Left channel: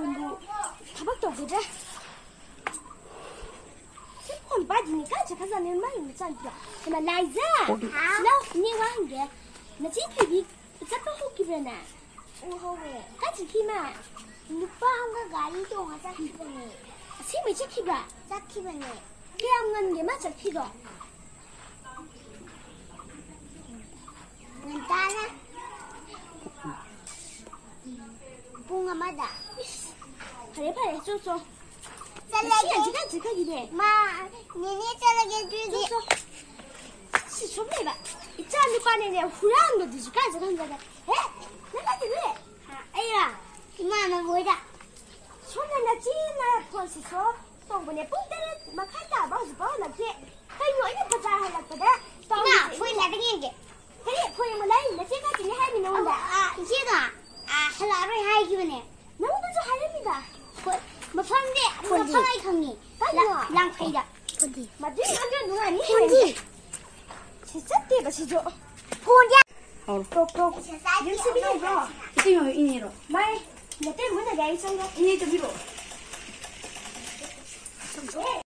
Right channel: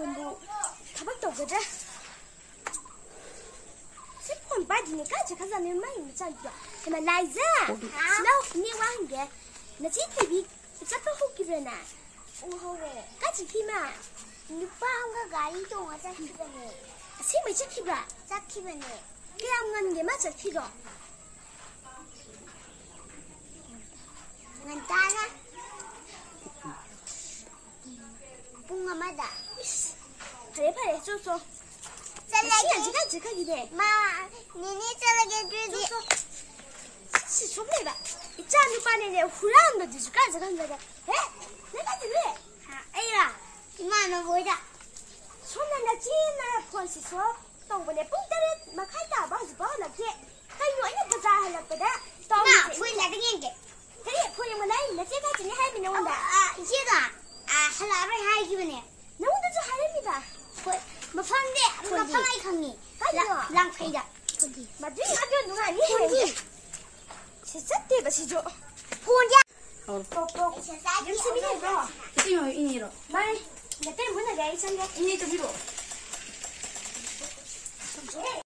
이분도 타박도 없거든. 세포는 빠지니까 제가 사는 많이 못잖아. 그만 라이자. 슬로우 니 와한게. 나 지키기 잡고 호기브나. 오호에. 같이 키마. 누빠한가 가리도 하자 키브네. 세미 지키봐. 지키브네. 그냥 건게 맞아 키도. 난다나. bunga mada. Pare so. Salage jika gide. Ma, nini salage juji. So. Si somne ba. Ichani pane ne hulando jika jika. Nega dire. Aya. Imana boida. Sonna na china ponsi so. Tongone puntare makata ba ba la ke. Kayo ina baza hala pada. Ma, pui la dingenge. Kare pui mo lai na chika chini hai mi nonda. Chika. 하나를 하이기네. 너무도 저 하입니다. 뭐 상대, 뭐 상하이 강이. 랑파이다. 본디. 맞지? 완전 누가 아니? 본디. 진짜 띠다 시죠. 본디. 뽀뽀. 연습이네 이거. 이거 이니로. 말. 내 때문에 내가 이상가. 이니도 비로.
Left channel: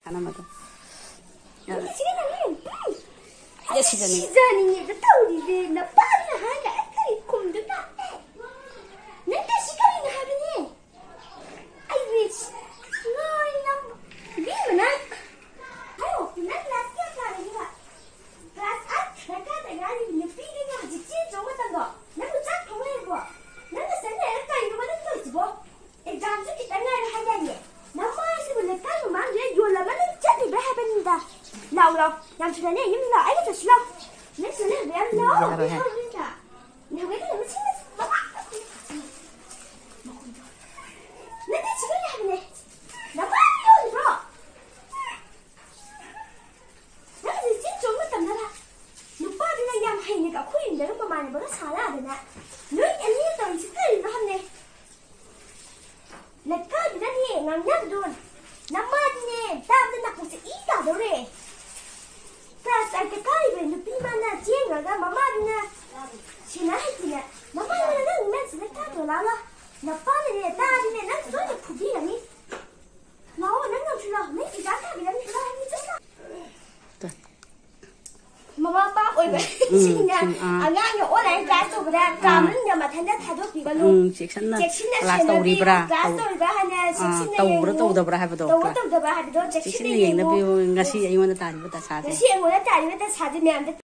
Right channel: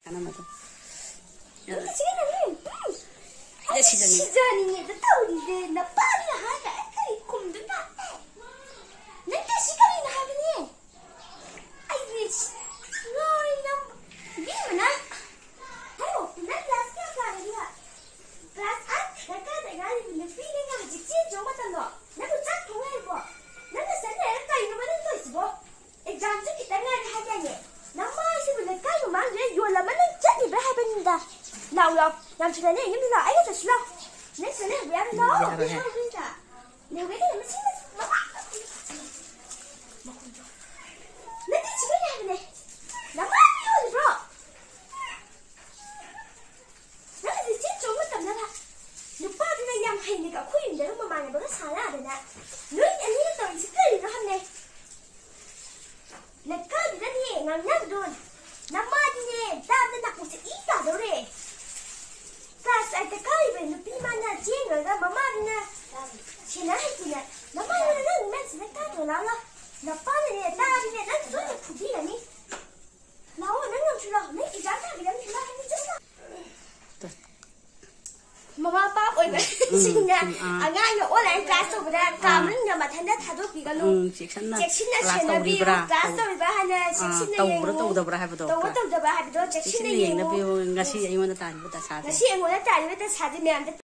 하나만 더. 야, 시전이. 시전이. 너 타오리데 나 빠르나 하자. 애들이 곰든다. Nanti sekarang dah habis ni. Ayuh, ngoi nam, ni mana? Ayo, nanti last year kali ni lah. Last at, dekat dengan ni feeling apa jadi jauh tangga. Nanti cak thong ni bo. Nanti sana dekat ini mana tu bo. Exam tu kita ni ada hanya ni. Nama isi boleh kan memang dia jual mana jadi berapa ni dah. Lau, yang sudah ni ni lah. Ayo tu slow. Ni sana biar lau. Ni kita ni mesti. Class tawribra tawdabra haibado cheksinna yengna biyo ngasi ayona tari bata sade